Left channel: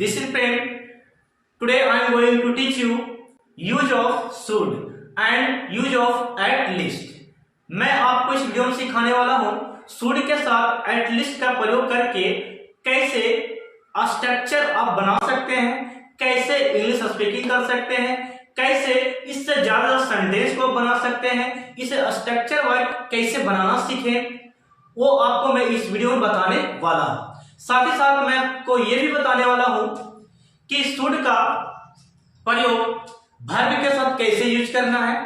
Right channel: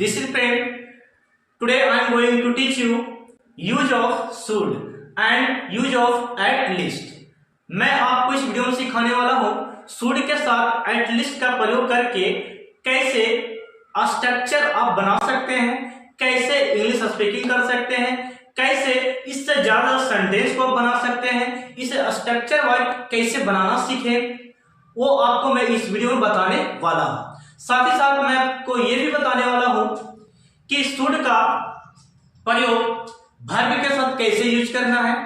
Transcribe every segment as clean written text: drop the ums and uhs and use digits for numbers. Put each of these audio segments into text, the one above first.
This is Prem. Today I am going to teach you use of should and use of at least. मैं आपको इस video में सिखाने वाला हूँ should के साथ at least का प्रयोग करके कैसे स्ट्रक्चर आप बना सकते हैं, कैसे इंग्लिश स्पीकिंग कर सकते हैं, कैसे इससे ज्यादा सेंटेंस को बना सकते हैं, इसे स्ट्रक्चर वाइज कैसे बनाना सीखें, वो आपको मैं इस वीडियो में बताने वाला हूं। साथ ही साथ मैं आपको ये भी बताने वाला हूं कि शुड का प्रयोग वर्ब के साथ कैसे यूज करना है।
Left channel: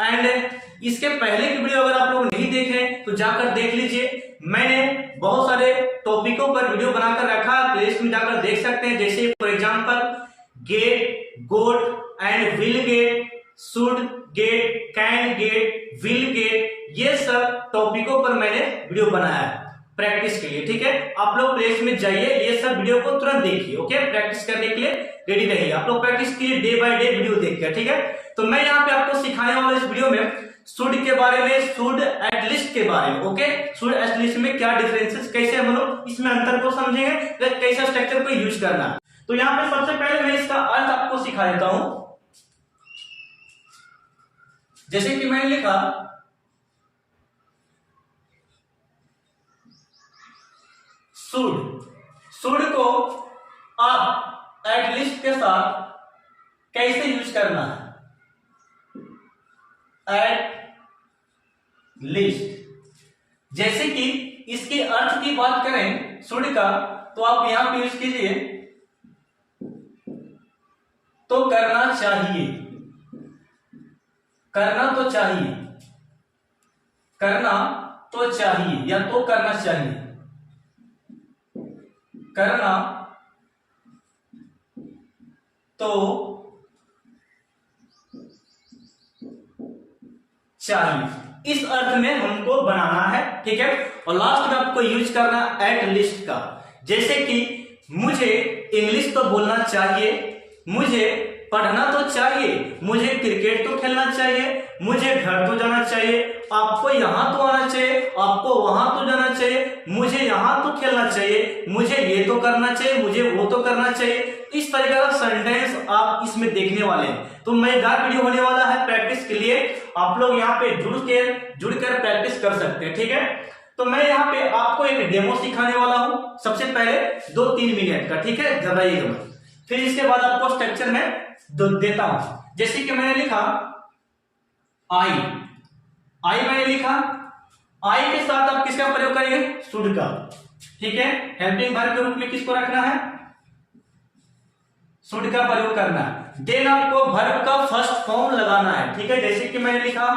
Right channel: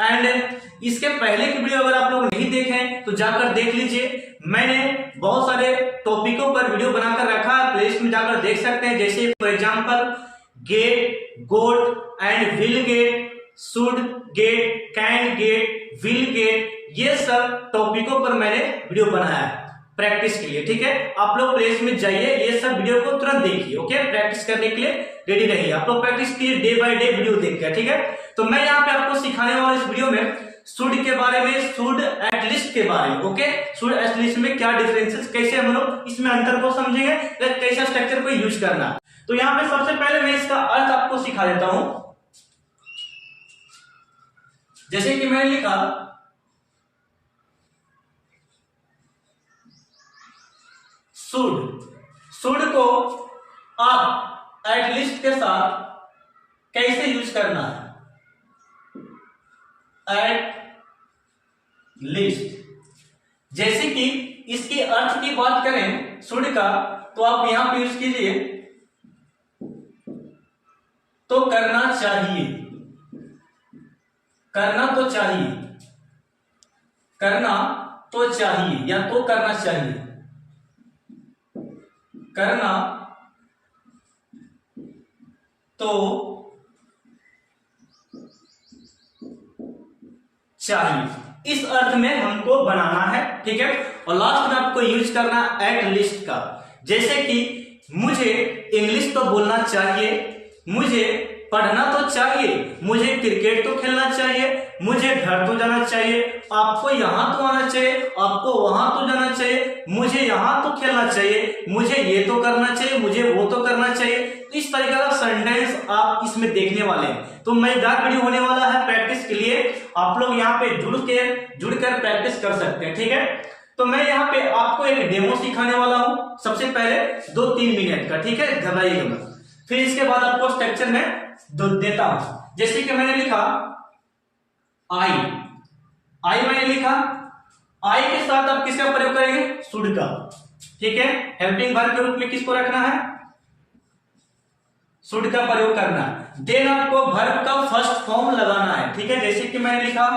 एंड इसके पहले की वीडियो अगर आप लोग नहीं देखें तो जाकर देख लीजिए। मैंने बहुत सारे टॉपिकों पर वीडियो बनाकर रखा है, प्लेलिस्ट में जाकर देख सकते हैं। जैसे for example get, got and will get, should get, can get, will get, ये सब टॉपिकों पर मैंने वीडियो बनाया है प्रैक्टिस के लिए। ठीक है, आप लोग प्लेलिस्ट में जाइए, ये सब वीडियो को तुरंत देखिए। ओके, प्रैक्टिस करने के लिए रेडी रहिए। आप लोग प्रैक्टिस कीजिए डे बाय डे वीडियो देखकर। ठीक है, तो मैं यहाँ पे आपको सिखाने वाला इस वीडियो में शुड के बारे में, शुड एट लीस्ट के बारे में। ओके, शुड एट लीस्ट में क्या डिफरेंसेस, कैसे हम लोग इसमें अंतर को समझेंगे, कैसे स्ट्रक्चर को यूज करना है। तो यहाँ पे सबसे पहले मैं इसका अर्थ आपको सिखा देता हूं। जैसे कि मैंने लिखा शुड को आप एट लीस्ट के साथ कैसे यूज करना है। एट लीस्ट, जैसे कि इसके अर्थ की बात करें शुड का, तो आप यहां पे यूज कीजिए तो करना चाहिए, करना तो चाहिए, करना तो चाहिए या तो करना चाहिए, करना तो चाहिए, इस अर्थ में हमको बनाना है। ठीक है, और लास्ट में आपको यूज करना एट लीस्ट का। जैसे कि मुझे इंग्लिश तो बोलना चाहिए, मुझे पढ़ना तो चाहिए, मुझे क्रिकेट तो खेलना चाहिए, मुझे घर तो जाना चाहिए, आपको यहां तो आना चाहिए, आपको वहां तो जाना चाहिए, मुझे यहां तो खेलना चाहिए, मुझे ये तो करना चाहिए, मुझे वो तो करना चाहिए। तो इस तरीके का सेंटेंस आप इसमें देखने वाले हैं। तो मजेदार वीडियो होने वाला है प्रैक्टिस के लिए। आप लोग यहाँ पे जुड़कर प्रैक्टिस कर सकते हैं। ठीक है, तो मैं यहाँ पे आपको एक डेमो सिखाने वाला हूं, सबसे पहले 2-3 मिनट का। ठीक है, घबराइएगा मत। फिर इसके बाद आपको स्ट्रक्चर में देता हूं। जैसे कि मैंने लिखा आई मैंने लिखा, आई के साथ आप किसका प्रयोग करेंगे, शुड का। ठीक है, हेल्पिंग वर्ब के रूप में किसको रखना है, शुड का प्रयोग करना है। देन आपको वर्ब का फर्स्ट फॉर्म लगाना है। ठीक है, जैसे कि मैंने लिखा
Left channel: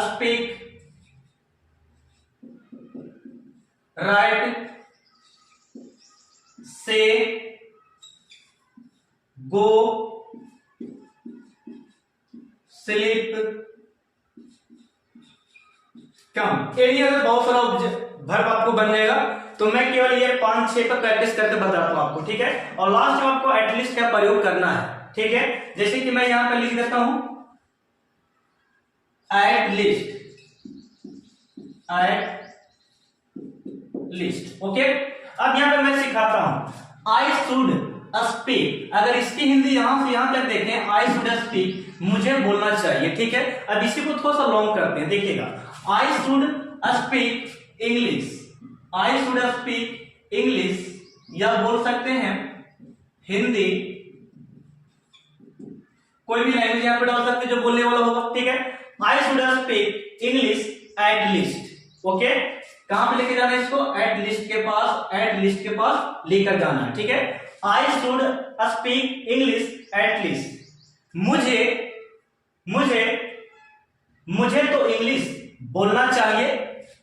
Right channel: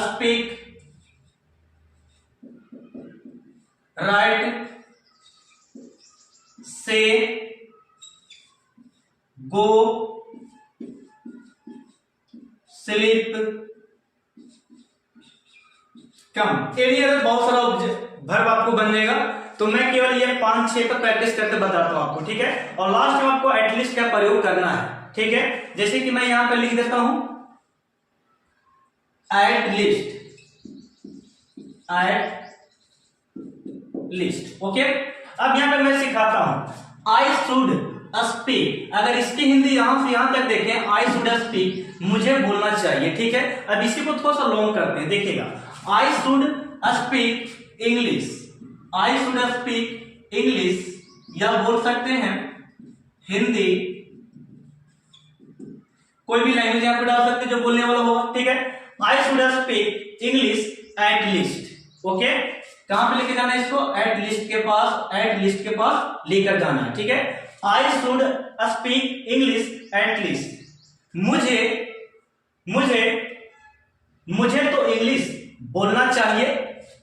स्पीक, राइट, से, गो, स्लीप, कम। ये लिए बहुत सारा वर्ब आपको बन जाएगा। तो मैं केवल ये 5-6 पर प्रैक्टिस करके बताता हूं आपको। ठीक है, और लास्ट में आपको एटलीस्ट का प्रयोग करना है। ठीक है, जैसे कि मैं यहां पर लिख देता हूं एट लीस्ट। ओके, अब यहां पे मैं सिखाता हूं आई शुड स्पीक। अगर इसकी हिंदी यहां से यहां तक देखें, आई शुड स्पीक, मुझे बोलना चाहिए। ठीक है, अब इसी को थोड़ा सा लॉन्ग करते हैं, देखिएगा। I should speak English, I should speak English, या बोल सकते हैं हिंदी, कोई भी लैंग्वेज यहां पे डाल सकते हैं जो बोलने वाला होगा। ठीक है, I should speak English at least. Okay, कहां पे लेके जाना है इसको, एट लीस्ट के पास लेकर जाना है। ठीक है, I should speak English at least, मुझे तो इंग्लिश बोलना चाहिए,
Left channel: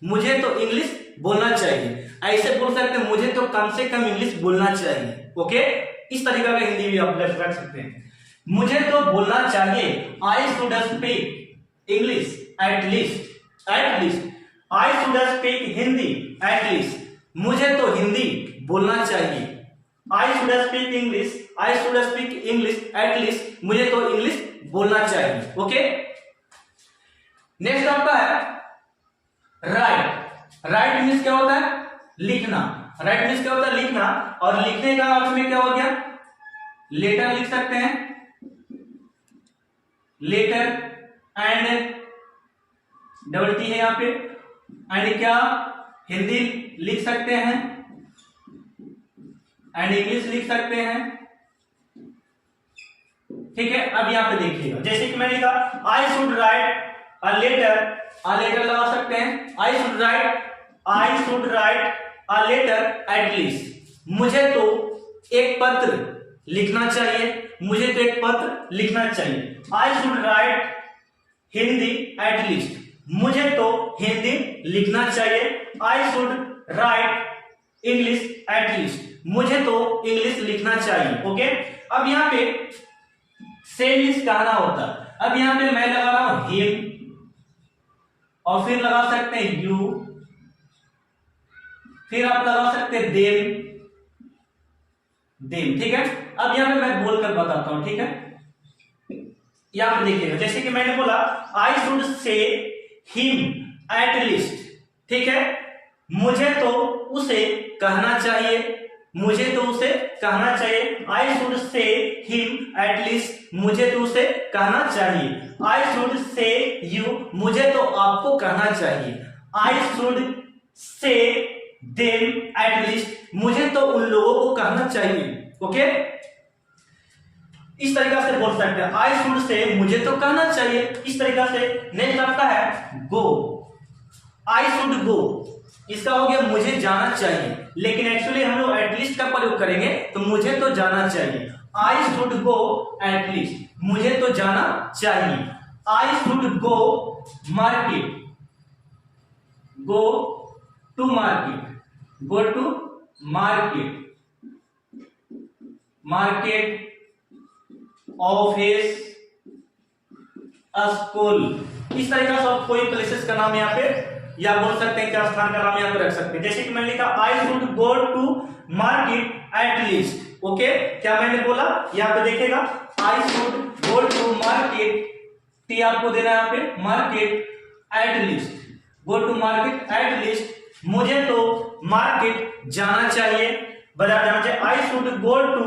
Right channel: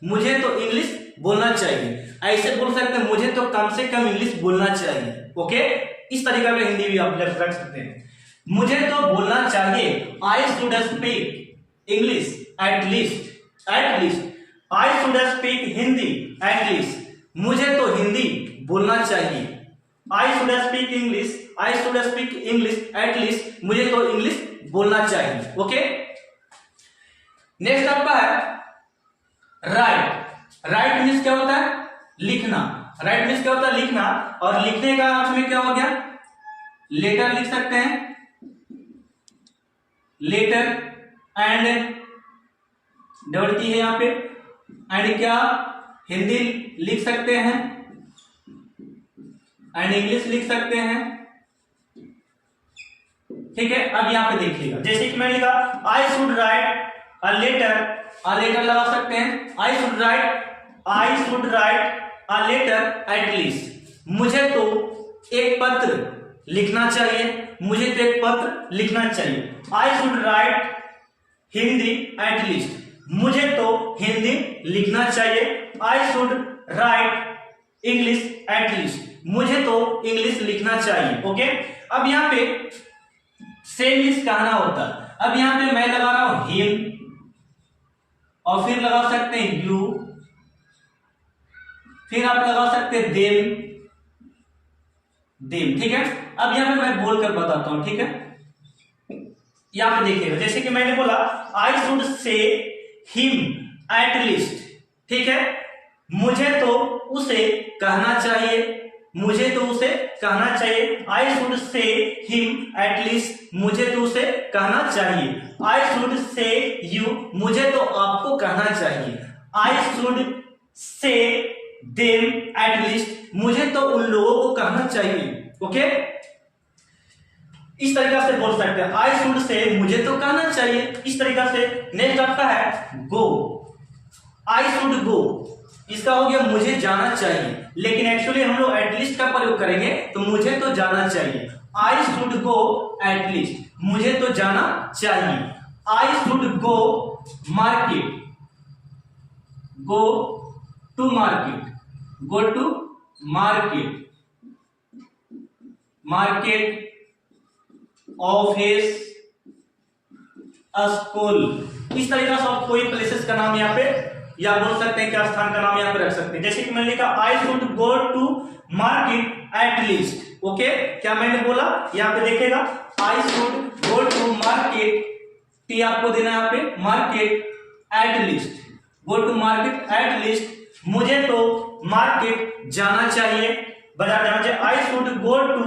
मुझे तो इंग्लिश बोलना चाहिए। ऐसे बोल सकते हैं मुझे तो कम से कम इंग्लिश बोलना चाहिए। ओके, इस तरीके का हिंदी भी आप रख सकते हैं। मुझे तो बोलना चाहिए, I should speak English at least, I should speak Hindi eight least, मुझे तो हिंदी बोलना चाहिए। I should speak English at least, मुझे तो इंग्लिश बोलना चाहिए। ओके, नेक्स्ट आपका है राइट। राइट मीन्स क्या होता है, लिखना। राइट मीन्स क्या होता है लिखना, और लिखने का अर्थ में क्या हो गया, लेटर लिख सकते हैं, लेटर एंड डबल टी है यहाँ पे, एंड क्या हिंदी लिख सकते हैं एंड इंग्लिश लिख सकते हैं। ठीक है, अब यहाँ पे देखिएगा, जैसे कि मैंने लिखा I should write a letter लगा सकते हैं, I should write a letter at least, मुझे तो एक पत्र लिखना चाहिए, मुझे तो एक पत्र लिखना चाहिए। I should right Hindi eight least, मुझे तो हिंदी लिखना चाहिए। I should right English at least, मुझे तो इंग्लिश लिखना चाहिए। ओके, अब यहाँ पे सेम मीन्स कहना होता है। अब यहाँ पे मैं लगा रहा हूं हिम, और फिर लगा सकते हैं यू, फिर आप लगा सकते हैं देम, ठीक है। अब यहाँ पे मैं बोलकर बताता हूं, ठीक है। यहाँ पे देखिएगा, जैसे कि मैंने बोला I should say him at least, ठीक है, मुझे तो उसे कहना चाहिए, मुझे तो उसे कहना चाहिए। I should say him at least, मुझे तो उसे कहना चाहिए। आई शुड से यू, मुझे तो आपको कहना चाहिए। I should say them at least, मुझे तो उन लोगों को कहना चाहिए। ओके, इस तरीका से बोल सकते हैं आई शुड से, मुझे तो कहना चाहिए, इस तरीका से। नेक्स्ट आता है गो, आई शुड गो, इसका हो गया मुझे जाना चाहिए, लेकिन एक्चुअली हम लोग एटलीस्ट का प्रयोग करेंगे, तो मुझे तो जाना चाहिए। आई शुड गो एटलीस्ट, मुझे तो जाना चाहिए। I should go market, go to market, go to market, market, office, school, इस तरीका से आप कोई प्लेसेस का नाम यहाँ पे या बोल सकते हैं कि स्थान का नाम यहाँ पे रख सकते हैं। जैसे कि मैंने लिखा I should go to market at least. Okay, क्या मैंने बोला, यहाँ पे देखेगा I should go to market, T आपको देना है यहाँ पे, market at least, go to market at least, मुझे तो मार्केट जाना चाहिए, बाजार जाना चाहिए। I should go to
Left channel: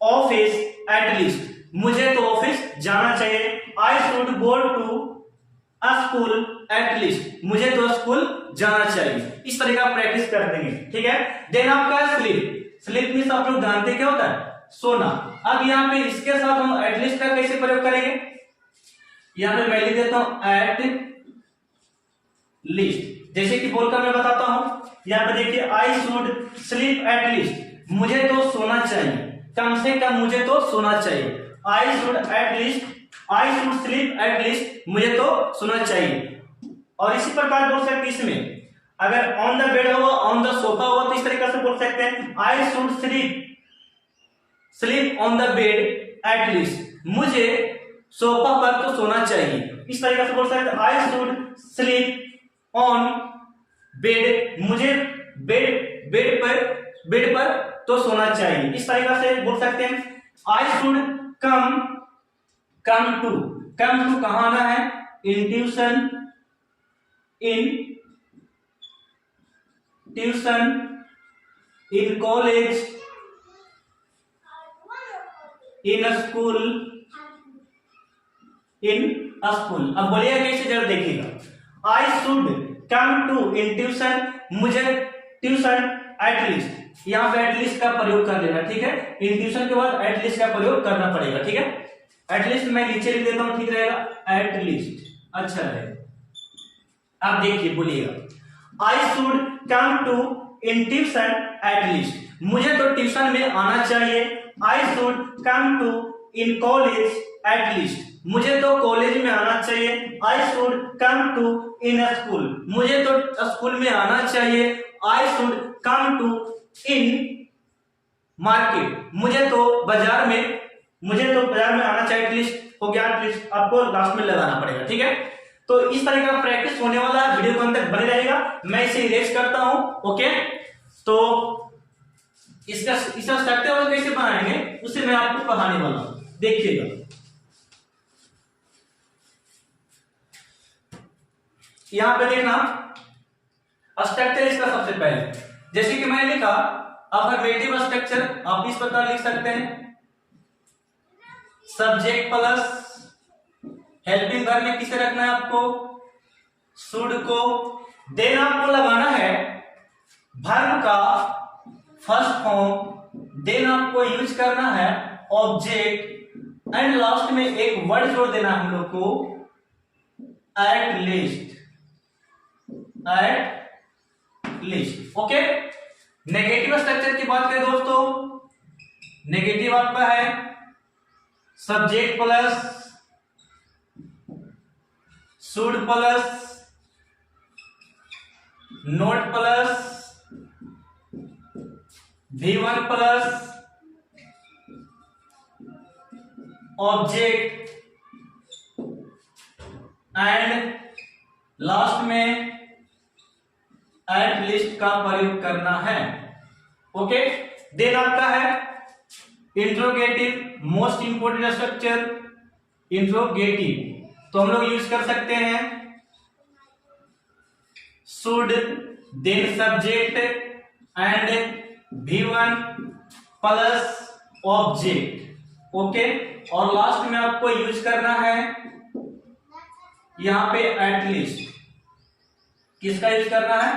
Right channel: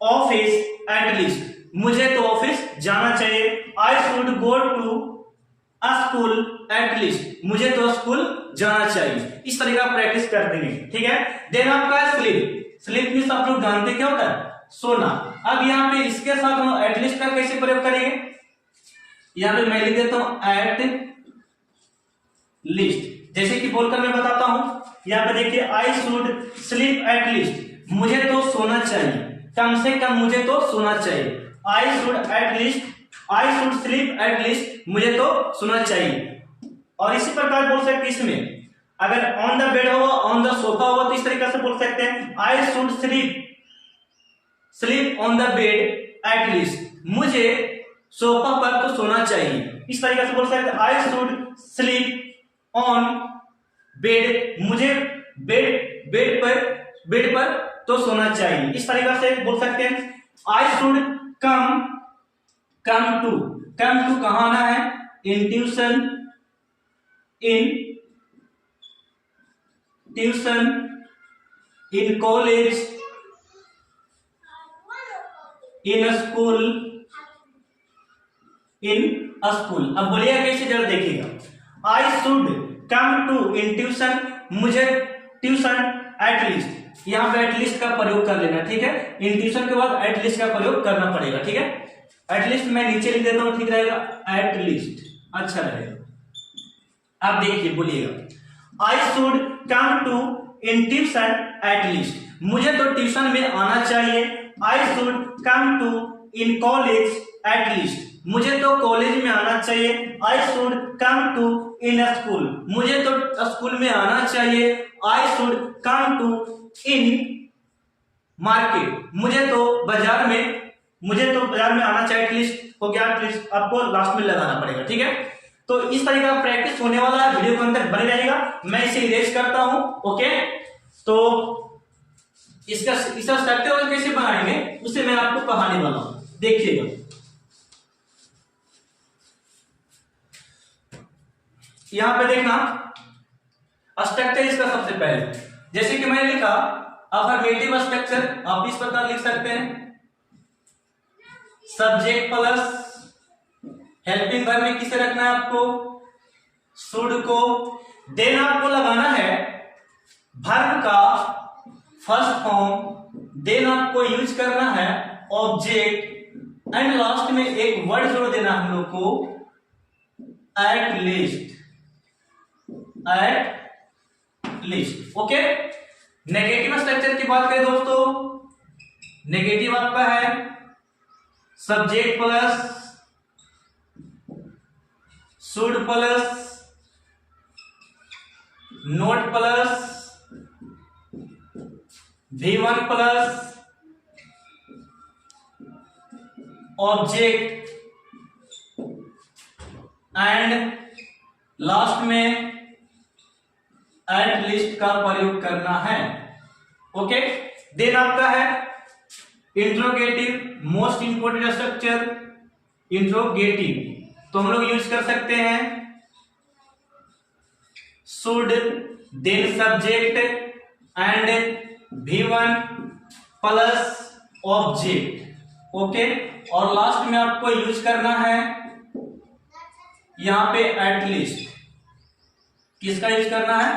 office at least, मुझे तो ऑफिस जाना चाहिए। I should go to school at least, मुझे तो स्कूल जाना चाहिए। इस तरीका प्रैक्टिस कर देंगे, ठीक है। देन आपका स्लीप, स्लीप मीन्स आप लोग जानते क्या होता है, सोना। अब यहाँ पे इसके साथ हम एटलीस्ट का कैसे प्रयोग करेंगे, यहाँ पे मैं लिख देता हूं एट लीस्ट, जैसे कि बोलकर मैं बताता हूं। यहाँ पे देखिए I should sleep at least, मुझे तो सोना चाहिए, कम से कम मुझे तो सोना चाहिए। I should at least, I should sleep at least, मुझे तो सोना चाहिए। और इसी प्रकार बोल सकते हैं इसमें, अगर ऑन द बेड होगा, ऑन द सोफा होगा, तो इस तरीके से बोल सकते हैं I should sleep on the bed at least, मुझे सोफा पर तो सोना चाहिए। इस तरीके से बोल सकते हैं I should sleep on bed, मुझे बेड पर तो सोना चाहिए। इस तरीका से बोल सकते हैं आई शुड कम टू कहाँ आना है, in tuition, in college, in school. अब बोलिएगा कैसे, जरा देखिएगा। I should come to in tuition, मुझे ट्यूशन एट लीस्ट, यहाँ पे एटलीस्ट का प्रयोग कर लेना, ठीक है। इन ट्यूशन के बाद एटलीस्ट का प्रयोग करना पड़ेगा, ठीक है। एटलीस्ट मैं नीचे लिख देता हूं, ठीक रहेगा, एटलीस्ट अच्छा रहेगा। अब देखिए बोलिएगा I should come to in tuition at least, मुझे तो ट्यूशन में आना चाहिए। I should come to in college at least, मुझे तो कॉलेज में आना चाहिए। I should come to in school, मुझे तो स्कूल में आना चाहिए। I should come to in market, मुझे तो बाजार में आना चाहिए। एटलीस्ट हो गया, एटलीस्ट आपको लास्ट में लगाना पड़ेगा, ठीक है। तो इस तरीके का प्रैक्टिस होने वाला है, वीडियो के अंदर बने रहेगा। मैं इसे इरेज करता हूं, ओके। तो इसका स्ट्रक्चर कैसे बनाएंगे उसे मैं आपको पढ़ाने वाला हूं, देखिएगा। यहां पे देखना स्ट्रक्चर इसका सबसे पहले जैसे कि मैंने लिखा अफर्मेटिव स्ट्रक्चर, आप इस प्रकार लिख सकते हैं सब्जेक्ट प्लस हेल्पिंग वर्ब में किसे रखना है आपको, शुड को। देन आपको लगाना है वर्ब का फर्स्ट फॉर्म, देन आपको यूज करना है ऑब्जेक्ट एंड लास्ट में एक वर्ड जोड़ देना हम लोग को at least, at least. Okay, negative structure की बात करें दोस्तों, नेगेटिव आपका है subject plus should plus not plus V1 plus object and last में एट लिस्ट का प्रयोग करना है। ओके, देन आपका है interrogative, most important structure interrogative, तो हम लोग यूज कर सकते हैं should, then subject and V1 plus object. Okay, और लास्ट में आपको यूज करना है यहां पे एट लीस्ट, किसका यूज करना है,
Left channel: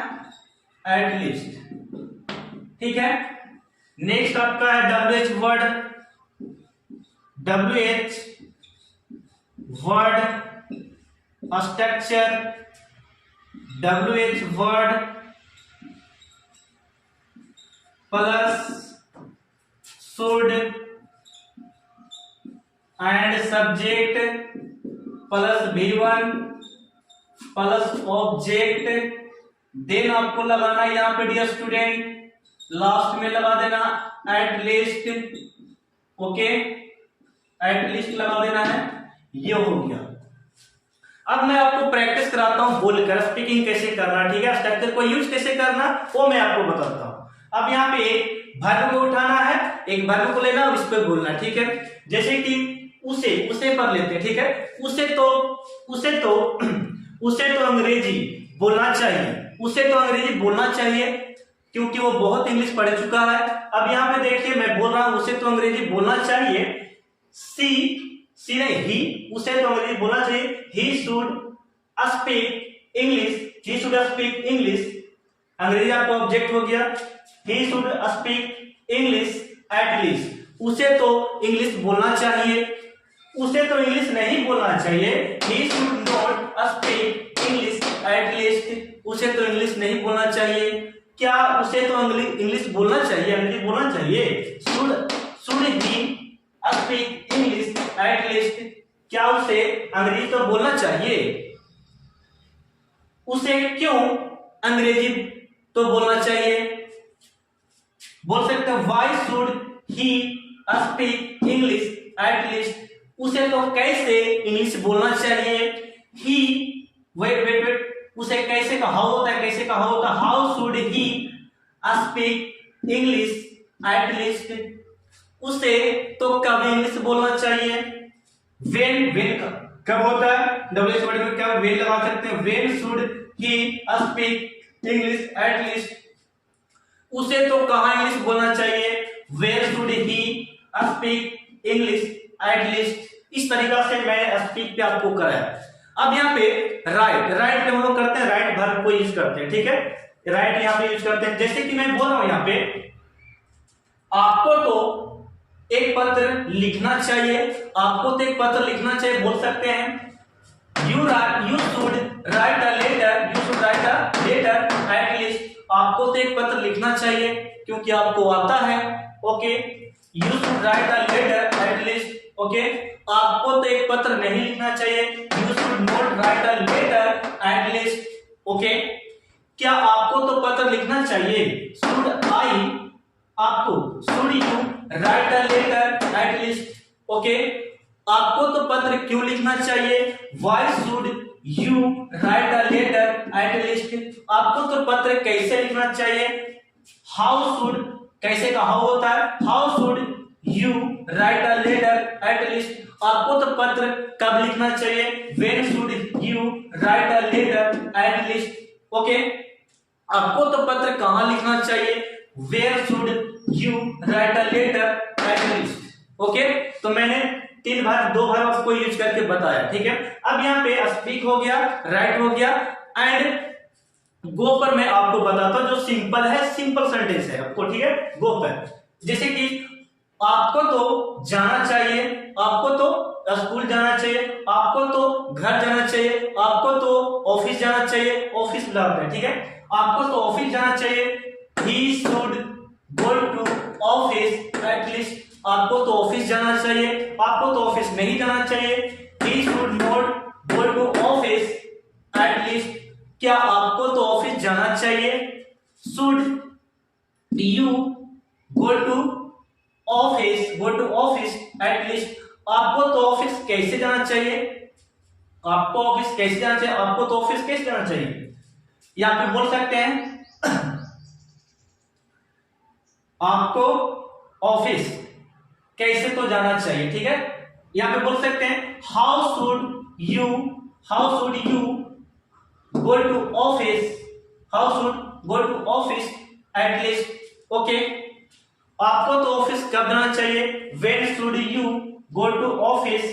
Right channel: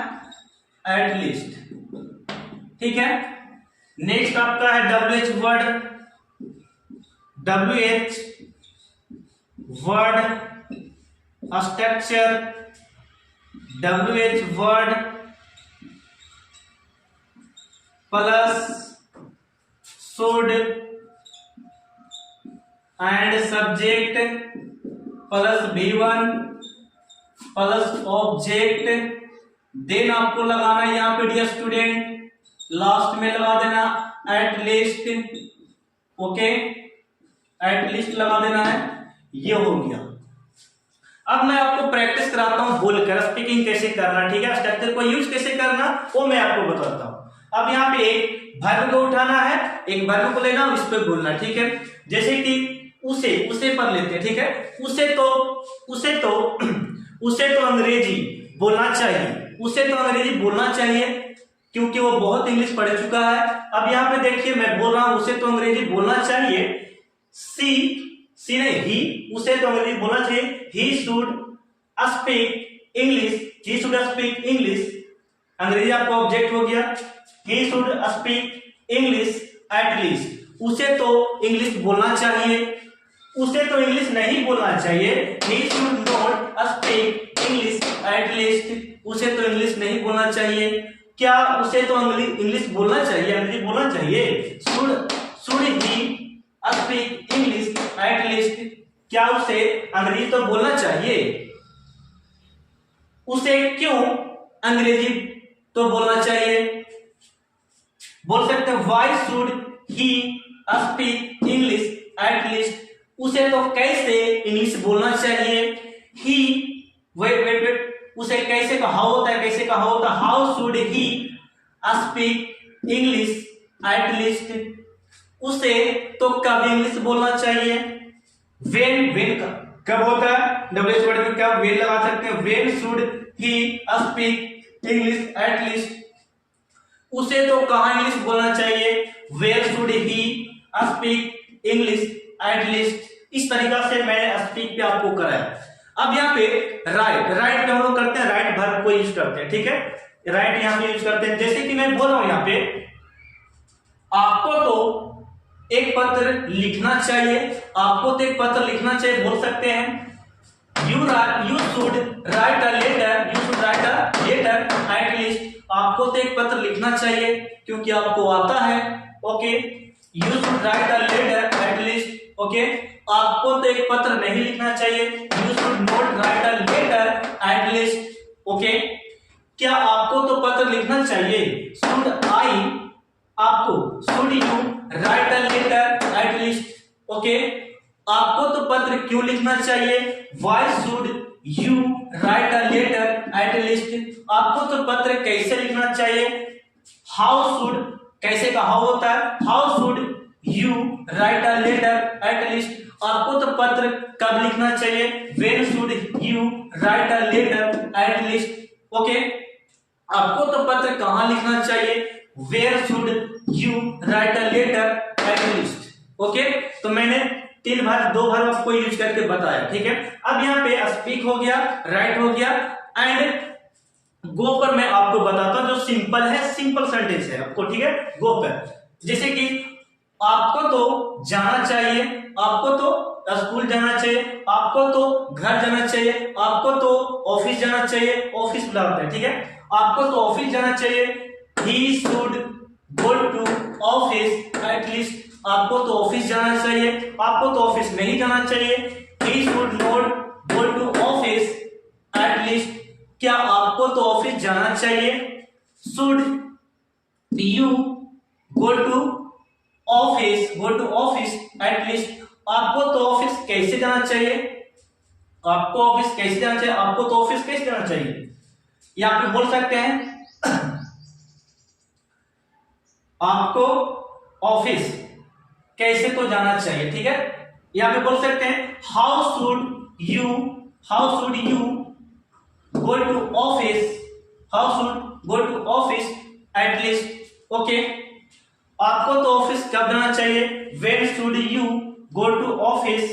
एट लीस्ट। ठीक है, नेक्स्ट आपका है WH word, WH word structure, WH word plus should and subject plus V1 plus object, then आपको लगाना है यहां पे डियर स्टूडेंट, लास्ट में लगा देना eight least. Okay, at least लगा देना है, ये हो गया। अब मैं आपको प्रैक्टिस कराता हूं बोलकर स्पीकिंग कैसे करना, ठीक है, स्ट्रक्चर को यूज कैसे करना वो मैं आपको बताता हूं। अब यहाँ पे एक वर्ब को उठाना है, एक वर्ब को लेना, उस पर बोलना, ठीक है। जैसे कि उसे पर लेते हैं, ठीक है, उसे तो अंग्रेजी बोलना चाहिए, उसे तो अंग्रेजी बोलना चाहिए क्योंकि वो बहुत इंग्लिश पढ़ चुका है। अब यहाँ पे देखिए मैं बोल रहा हूं उसे तो अंग्रेजी बोलना चाहिए, सी नहीं, ही, उसे तो अंग्रेजी बोलना चाहिए, he should speak English, he should speak English, अंग्रेजी आपका ऑब्जेक्ट हो गया, he should speak English at least, उसे तो इंग्लिश बोलना चाहिए, उसे तो इंग्लिश नहीं बोलना चाहिए, he should not speak English at least, उसे तो इंग्लिश नहीं बोलना चाहिए। क्या उसे तो इंग्लिश बोलना चाहिए, अंग्रेजी बोलना चाहिए, should he speak English at least, क्या उसे अंग्रेजी तो बोलना चाहिए, उसे क्यों अंग्रेजी तो बोलना चाहिए। बोल सकते हैं why should he speak English at least, उसे तो कैसे इंग्लिश बोलना चाहिए। ही वेट उसे कैसे का हाउ होता है, कैसे का हाउ होता है, how should he speak English at least, उसे तो कब इंग्लिश बोलना चाहिए। वेन कब होता है, डब्ल्यूएच वर्ड में क्या वेन लगा सकते हैं, when should he speak English at least, उसे तो कहां इंग्लिश बोलना चाहिए, where should he speak English at least. इस तरीका से मैं स्पीक पे आपको कराया। अब यहाँ पे राइट पे हम लोग करते हैं, राइट वर्ब को यूज करते हैं, ठीक है, राइट यहाँ पे यूज करते हैं। जैसे कि मैं बोल रहा हूं यहाँ पे आपको तो एक पत्र लिखना चाहिए, आपको तो एक पत्र लिखना चाहिए, बोल सकते हैं you should write a letter at least, आपको तो एक पत्र लिखना चाहिए क्योंकि आपको आता है। Okay, you should write a letter at least, okay, आपको तो एक पत्र नहीं लिखना चाहिए, you should not write a letter at least, okay, क्या आपको तो पत्र लिखना चाहिए, should you write a letter at least, okay, आपको तो पत्र क्यों लिखना चाहिए, why should you write a letter at least, आपको तो पत्र कैसे लिखना चाहिए, how should, कैसे का how होता है, how should you write a letter at least, आपको तो पत्र कब लिखना चाहिए, when should you write a letter at least, okay. आपको तो पत्र कहां लिखना चाहिए, where should you write a letter at least. ओके, तो मैंने 3 बार 2 बार आपको यूज करके बताया, ठीक है। अब यहाँ पे स्पीक हो गया, राइट हो गया, एंड गो पर मैं आपको बताता हूं जो सिंपल है, सिंपल सेंटेंस है आपको, ठीक है। गो पर जैसे कि आपको तो जाना चाहिए, आपको तो स्कूल जाना चाहिए, आपको तो घर जाना चाहिए, आपको तो ऑफिस जाना चाहिए, ऑफिस बुलाते हैं, ठीक है। आपको तो ऑफिस जाना चाहिए, he should go to office at least. आपको तो ऑफिस जाना चाहिए, आपको तो ऑफिस नहीं जाना चाहिए, he should not go to office at least. क्या आपको तो ऑफिस जाना चाहिए, should you go to office at least. आपको तो ऑफिस कैसे जाना चाहिए, आपको ऑफिस कैसे जाना चाहिए, आपको तो ऑफिस कैसे जाना चाहिए। या फिर बोल सकते हैं आपको ऑफिस कैसे तो जाना चाहिए, ठीक है। या फिर बोल सकते हैं how should you go to office at least. Okay, आपको तो ऑफिस कब जाना चाहिए, when should you go to office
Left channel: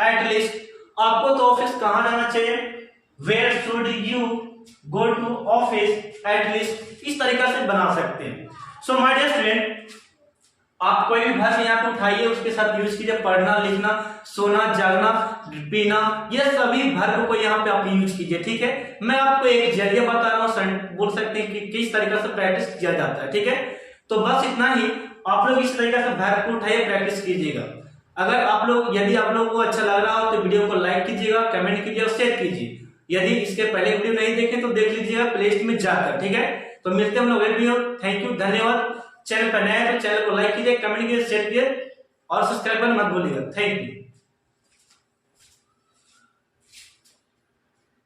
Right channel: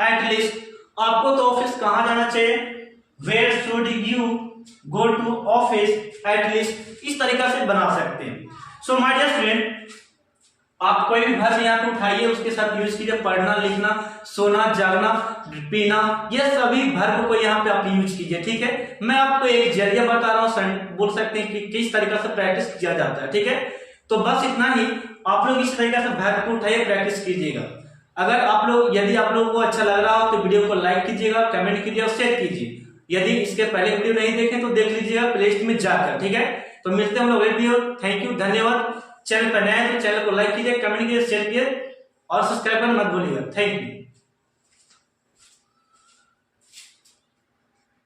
at least. आपको तो ऑफिस कहां जाना चाहिए, where should you go to office at least. इस तरीका से बना सकते हैं। सो माय डियर स्टूडेंट, आप कोई भी वर्ब यहाँ पे उठाइए, उसके साथ यूज कीजिए पढ़ना, लिखना, सोना, जागना, पीना, ये सभी वर्ब को यहाँ पे आप यूज कीजिए, ठीक है। मैं आपको एक जरिया बता रहा हूँ, बोल सकते हैं कि किस तरीका से प्रैक्टिस किया जाता है, ठीक है। तो बस इतना ही, आप लोग इस तरीके से वर्ब को उठाइए, प्रैक्टिस कीजिएगा। अगर आप लोग, यदि आप लोगों को अच्छा लग रहा हो तो वीडियो को लाइक कीजिएगा, कमेंट कीजिए और शेयर कीजिए। यदि इसके पहले वीडियो नहीं देखें तो देख लीजिएगा प्लेलिस्ट में जाकर, ठीक है। तो मिलते हैं हम लोग अगले वीडियो। थैंक यू, धन्यवाद। चैनल पर नए हैं तो चैनल को लाइक कीजिए, कमेंट कीजिए, शेयर कीजिए और सब्सक्राइब करना मत भूलिएगा। Thank you.